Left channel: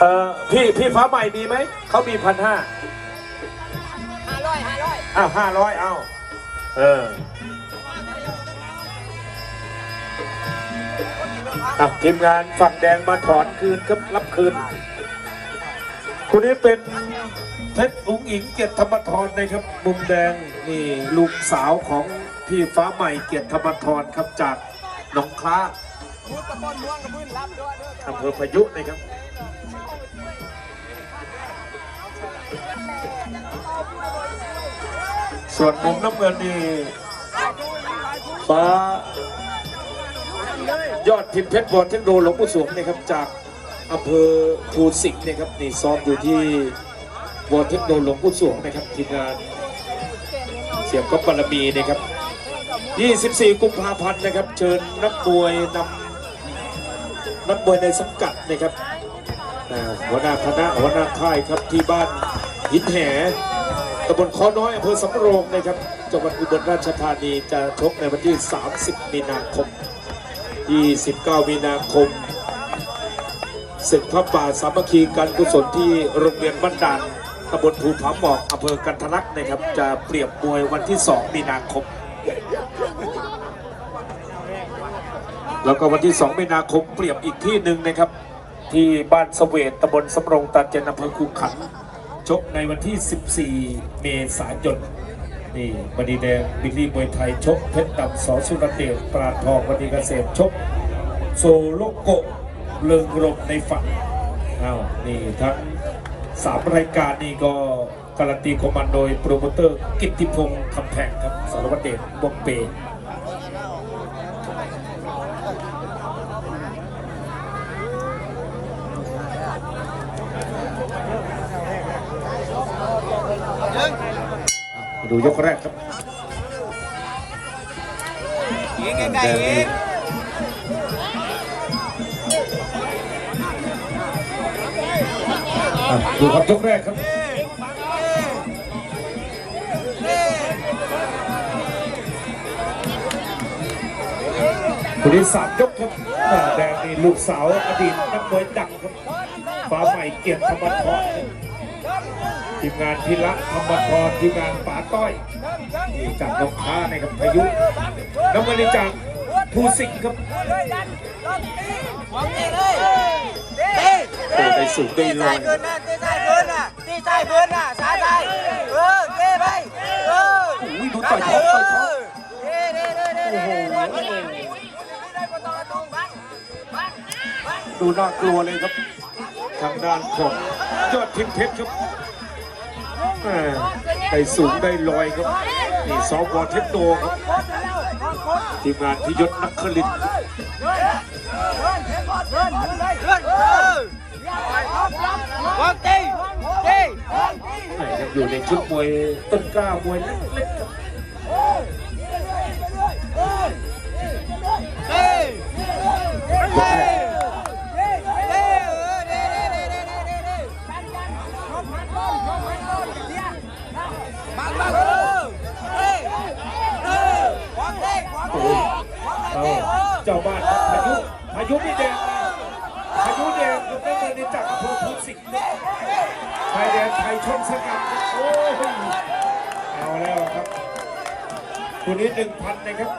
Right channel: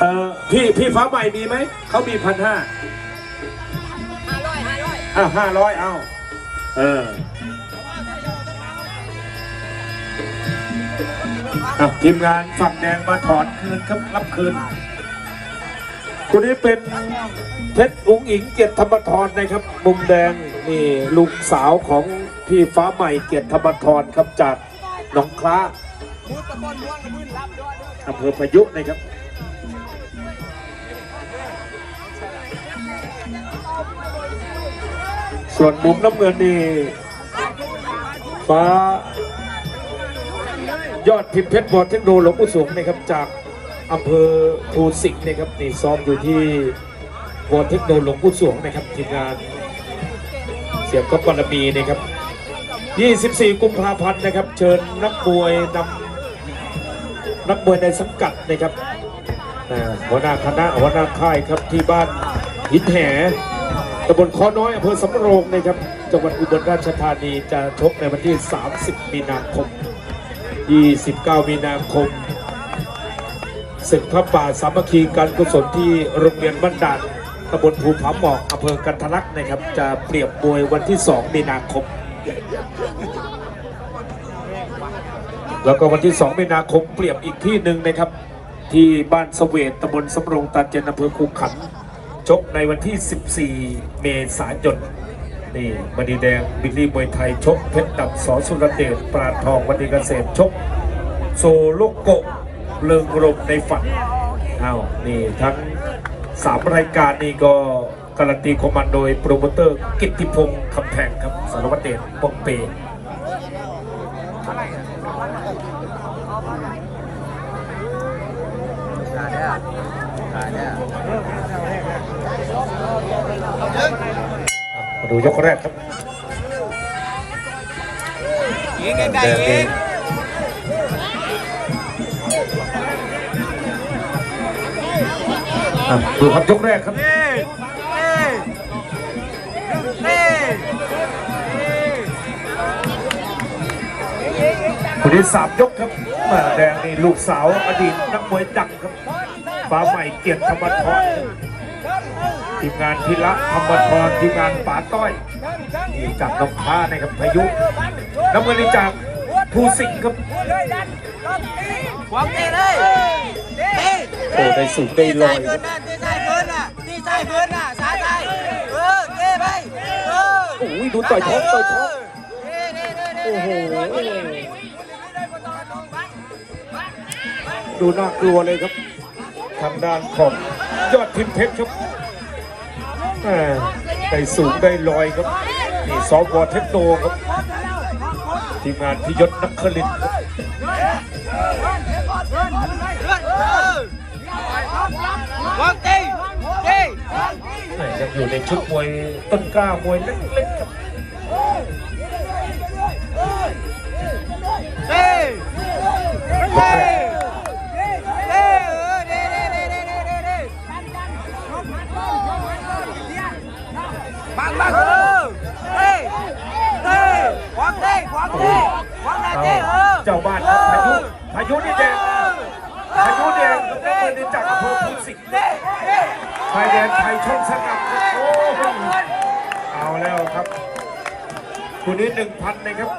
เอ่อพี่พี่ฟ้าใหม่มีไหม เขามีพันห้าห้าร้อยห้าร้อยอ้าวห้าร้อยเอาเอออะทีมงานฝั่งแดงมาถอนคืนครับรับคืนคนนี้เป็นเพชรอุ๋งอิงเกียรติธรรมทรนะครับ มุมแดงนี่ลูกสาวของพี่ฟ้าใหม่เกียรติธรรมทรครับจากหนองคล้า อำเภอพายุกต์นะครับส่วนมุมน้ำเงินนี่ฟ้ายอดพิพ์เพชรบอลเทคโนโลยีสูงนะครับจากอำเภอภูสิงห์นะครับนี่ซ้อมอยู่ที่วอลเทคโนโลยีสูงนะครับทีมงานเสียงก็ปรมีนะครับ 24 กุมภาพันธ์นะครับ เชิญนักมวยนำ นักมวยในสังกัดนะครับหัวหน้าคณะหัวหน้าค่ายครับที่บ้านหินแหตำบลคอน้อยอำเภอสำโรงนะครับ จังหวัดอุบลราชธานีจะชกในวันที่ 30 มีนาคม 29 มีนาคมศึกพระป่าสามัคคีการกุศลที่โรงเรียนบ้านด่านตำบลภูผาหมอกอำเภอกันทะลักนะครับ จะเปรียบมวยวันที่ 2 มีนาคม แล้วก็วันที่ 2 มีนาคมเปรียบอีกที่หนึ่งนะครับ ที่บ้านสเวตตำบลสำโรงตาเจนอำเภอคูขันชกในวันที่ 14 เมษายนนี่มณีแดงบิลลี่มวยไทยชกเพชรดำสอนสุรเดชปราทองวันนี้เกษตรชก โซโลโกเลิงรมในฝันอ้าวนี่ทั้ง3รายการนี้ก็การันตีของมันโดยโปรโมเตอร์กิติพงศ์คำแพงครับสารวัตรเดชบงเปม ดูยกแรกครับยิงไกลยิงดูครับยกแรกครับคนที่สามยกครับแดงนี่ลูกสาวอดีตนักมวยดังครับฟ้าใหม่เกียรติธรรมทร ทีมงานพิระธรรมทรทีมงานป๋าก้อยนี่จากนองค้านะครับพายุน้ำมันนี่จากภูสิงห์ครับหวังเตะเลยเตะโอ้ได้สูงได้ลอยเกินนะเตะใส่เกินน่ะเตะใส่เกินน่ะสายใส่เออเตะไปเออโอ้ยดูต่อยท้องต่อยท้องเตะเตะเตะเตะโอ้โหดูน่ากลัวเลยครับ ทางด้านของยอดทิมเพชรครับ อ่าได้สูงได้ลอยครับนี่ซอฟวอเทคโนครับทีมงานพิยศนักคลินทร์ครับหวังเตยังอยู่ในชุดมวยต้นกล้ามวยเล็ก บังบังเออเตะเตะหวังเตะหวังเตะหวังเตะเออเจ้าบ้านพายุพายุนี่แดงพายุแดงก็คือจากอำเภอภูสิงห์ชายแดนไทยช่องสกัดเอาแล้วครับคนนี้หนึ่งพันนะครับ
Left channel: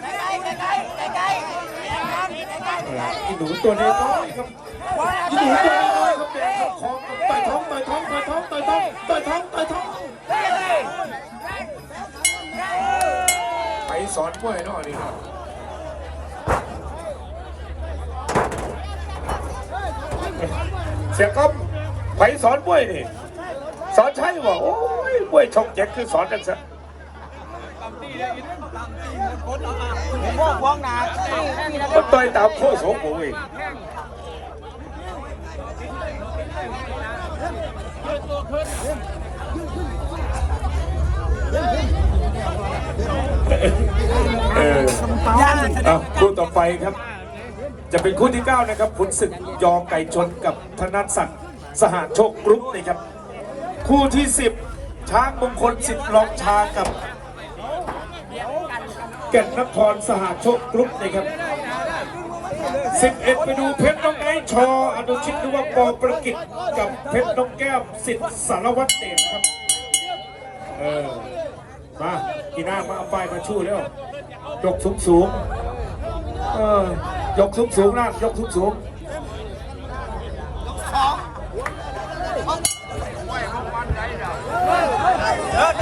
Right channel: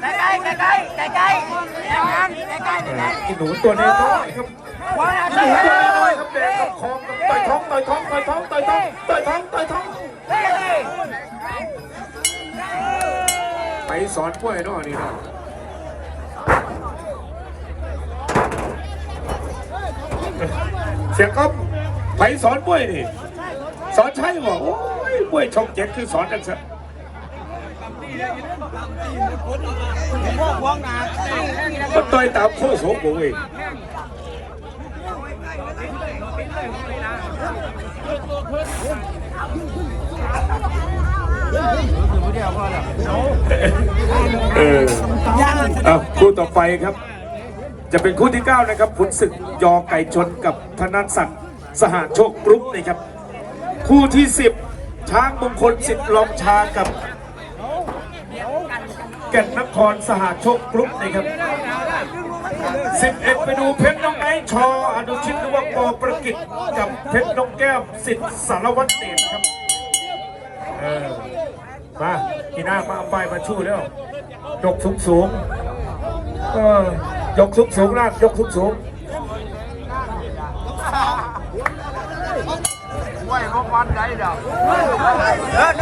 ใกล้ใกล้ใกล้ใกล้ใกล้ใกล้ใกล้อีหนูตัวนี้น้อยครับอีหนูตัวนี้น้อยครับเด็กเข้าคอครับ ต่อยท้องต่อยท้องต่อยท้องต่อยท้องต่อยท้องต่อยท้องไปสอนกล้วยนาะนี่นะเสียก้อมไปสอนกล้วยนี่สอนใช่บ่โอ้ยกล้วยชกเจ็ดคือสอนกันซะพวกพวงหนาก็ต่อยตามโคโสโบย เออเอาคู่ต่อไปครับ จะเป็นคู่ที่9นะครับขุนศึกยอไก่ชนกับธนศักดิ์สหโชคกรุ๊ปนะครับ คู่ที่ 10 ช้างมงคลสิทธิ์ลองชากับเก่นนครสหโชคกรุ๊ปนะครับ สิบเอ็ดไปดูเพชรน้องไอชออนุชิตหรือว่าปอประกิตกับเพชรน้องแก้วสิทธิ์สารวัตรเดชครับมากีน่ามาเอาป้ายมาชูแล้วยกสูงสูงเออยกสูงสูงๆล่างยกสูงสูงเดินเดินเดิน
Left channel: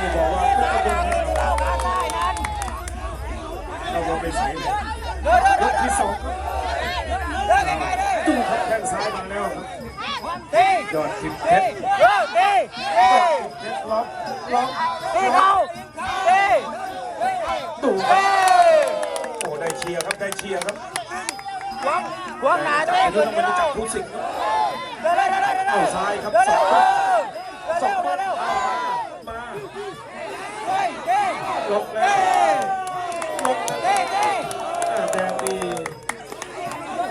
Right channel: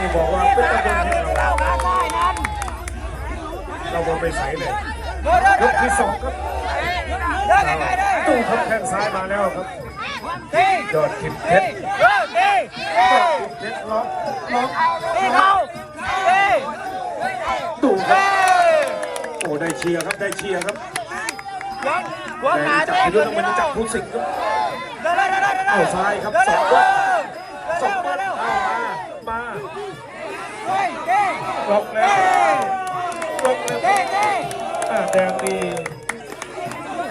พวกแดงนี่บอกว่าเป็นประเด็นให้เราเราบอไปใส่เลยเดินเดินยกที่สองครับเดินไกลๆเดินตู้ทับแข้งซ้ายมาแล้วครับเฮ้ยอดทิมเพเฮ้ชรเฮ้เฮ้ยอดทิมเพชรล็อกล็อกเฮ้เขาเฮ้ดูครัเฮ้บโอ้ได้เชียร์ครับได้เชียร์ครับหัวหน้าจับเต้อายุทำไมรู้จักผู้สิงห์ครับเดินเดินเดินเดินเอาซ้ายครับเดินสเร็อวง ล็อกแล้วล็อกแล้วเฮ้เฮ้อ่าแดงดี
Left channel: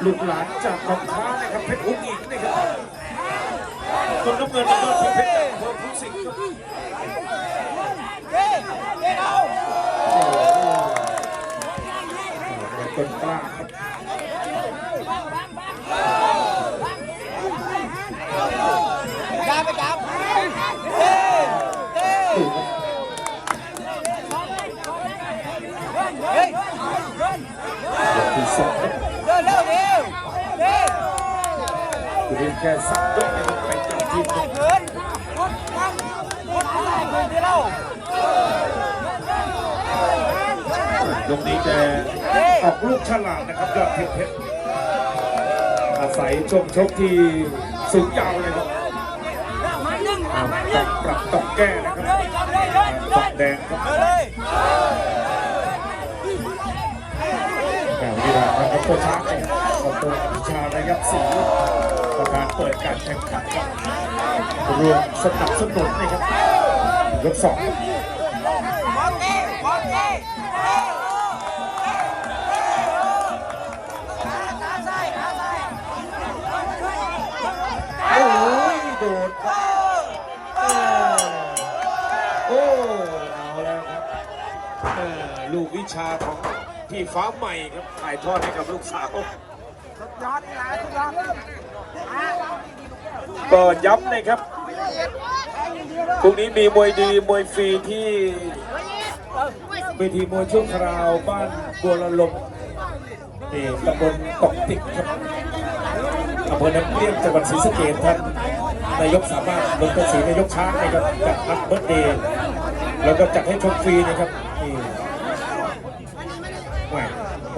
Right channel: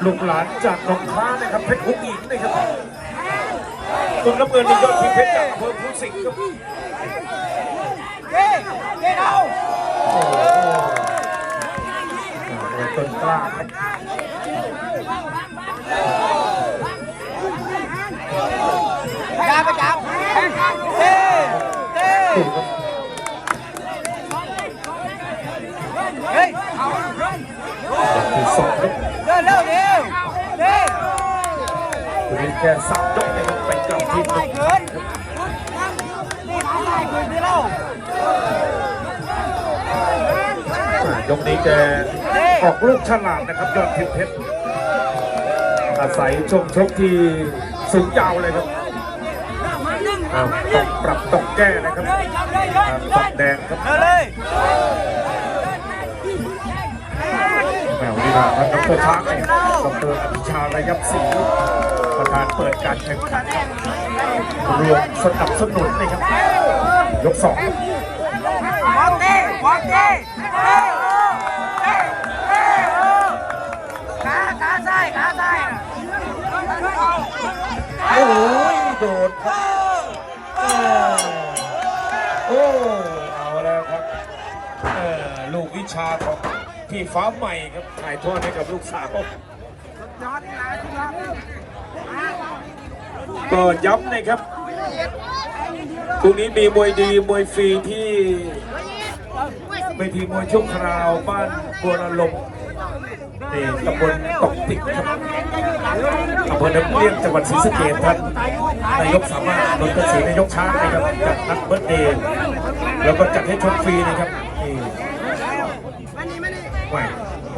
ลูกหลานจากหนองค้านะครับเพชรหุ่นอิงนะครับคนน้ำเงินนี่ยอดทิมเพชรจากอำเภอผู้สิงห์ครับ เฮ้เฮ้เขา โอ้โหต้นกล้าครับ ยาประจับเฮ้เฮ้ ดูครับ เฮ้ ที่ สองครับเดินเร็วเร็วเฮ้ตัวนี้แค่สับยกนะครับไปกลับทีมครับเกินเดี๋ยวเรายกนี้แกออกลูกฉลาดนะครับยอดทิพย์เพชรอาศัยช่วงชกที่สูงยาวเลยครับอ้าวต้องปรับต้องแก้นะครับฝั่งแดงครับ ลีลาพันธุ์ตัวช้ายครับขอบคุณพิชาเลยครับสีประธานเปิดการแข่งขันรวมสนับสนุนนะครับ ยกสองวางเต้วางเต้เฮ้เฮ้เฮ้ขาซ้ายขาซ้ายโอ้ยโดดโอ้โอ้โอ้เอาแล้วครับลูกวิชาของ พี่ฟ้าใหม่ครับถ่ายทอดให้กับลูกสาว ก็ย้ำนะครับพรุ่งนี้มีมวยดีมวยฟรีที่เวทีมวยช่วคราวบ้านบัวละลมนี่ตำบลเกาะติกครับอำเภอน้ำเลี้ยงจังหวัดศรีสะเกษท่านนายกสามารถรถกระสีนายกช้างนะครับจัดนัดเบิร์ดเดย์แล้วก็จัดให้ชมฟรีนะครับนี่ไม่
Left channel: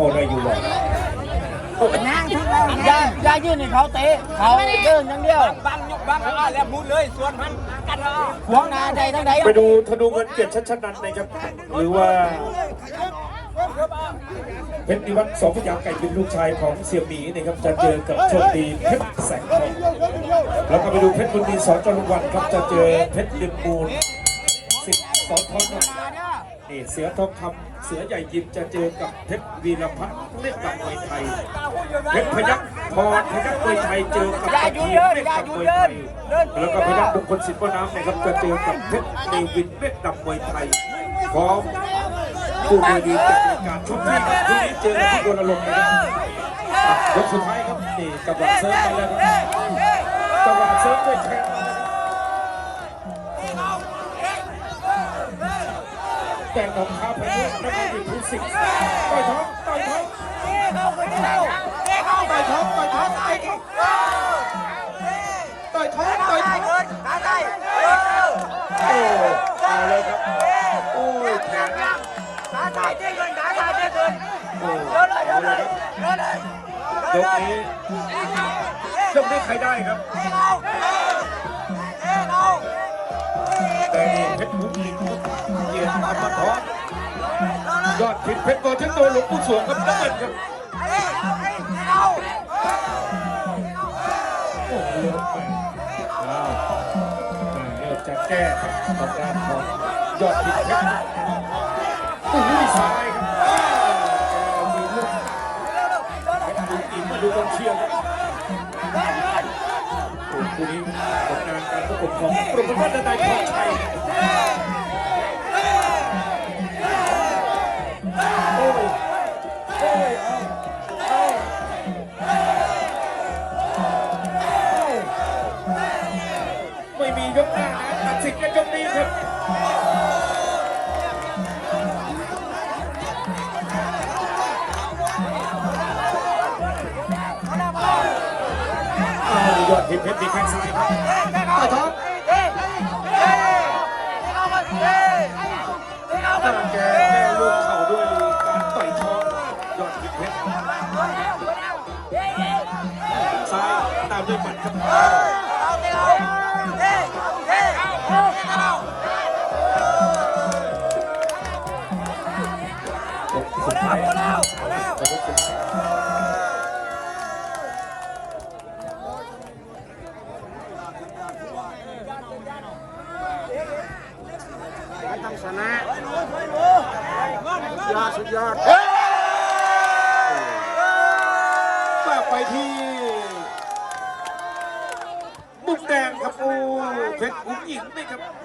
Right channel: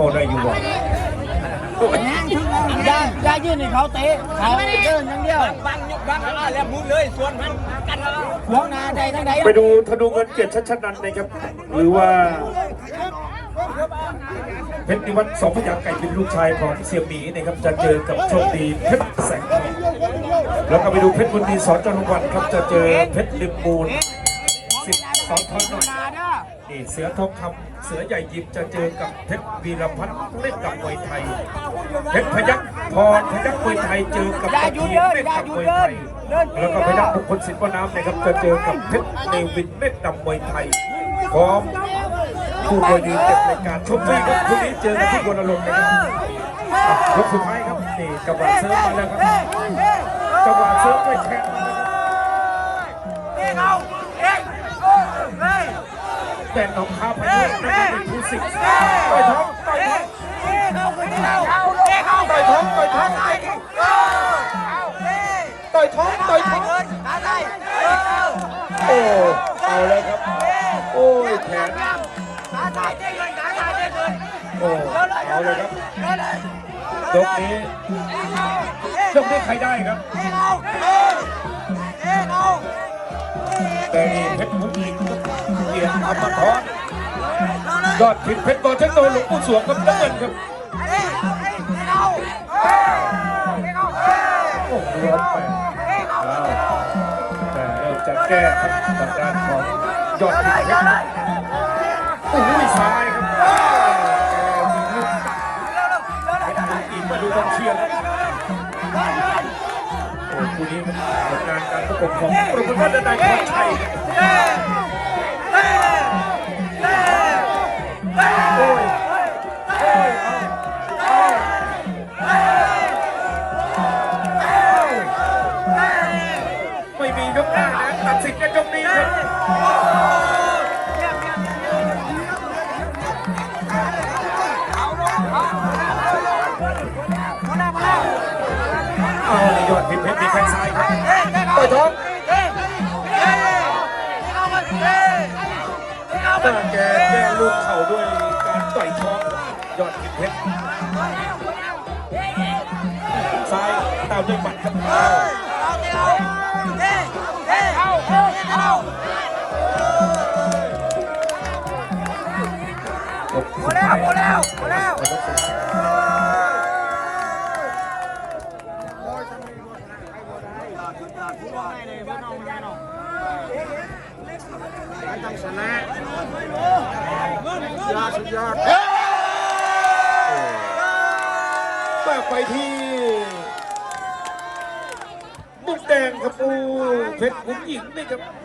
พอได้อยู่อะโอ้ยอย่าอย่ายื่นให้เขาเตะเขาเดินอย่างเดียวบังยกบังอะแล้วมุดเลยส่วนมันกันเอาหัวหน้าใดทั้งใดไปดูธนูเงินเกียรติชัชนันนะครับ หรือว่าเพชรนิวัฒน์สองพยาไก่เป็นลูกชายของเสี่ยวหมีนะครับจะเจอกับโชคดีเพชรแสงแล้วก็ไปดูเพชรบุญดีสอนจรวันครับจะเจอเพชรลิมมูลสิบสอนทอน นี่เสือทองคำเสือใหญ่ยิมจะเจอกับเพชรวีรพัฒน์เล่นกับมวยไทยเพชรพยัคฆ์พรพยัคฆ์มวยไทยเจอกับกระทีเล่นกับมวยไทยแล้วก็พยัคฆ์มงคลสิทธิ์วน้ำนะครับจะเจอกับเพชรเนวินเล่นกับมวยไทยพร้อมผู้มวยดีจากรายการชมฟรีครับทุกนี้เจอกับคนอารมณ์นะครับยกสุดท้ายครับนี่จังหวะเซิร์ฟมาแล้วครับจังหวะเซิร์ฟไม่แข็ง แต่เอาเท้าไปด้วยนะครับเป็นผู้สิงห์ต่อยท้องต่อยท้องต่อยท้องต่อยท้องต่อยท้องต่อยท้องโอ้เอาแล้วครับ โอ้ยแขนโอ้เอาเลยครับยกนี้ยกนี้ใครได้ครับ แต่นี่เพชรผู้หญิงเกียรติอมทรยอดผิดเพชรบอลเทคโนหลวงปู่สวงกับน้ำเงินครับโอ้โหร้อนไปอ้าวแต่เริ่มจะแก้ครับกรรมการยอดทีมเพชรโอ้ยซ้ายครับอีกมาดูกองเชียร์ Hey! Hey! Hey! Hey! ป้าแกแก้ลูกเข่าด้วยการต่อยท้องยอดกินเพชรซ้ายตามด้วยหมัดครับ ฝากไปที่มุกแดงครับปูเพชรหญิงนะครับ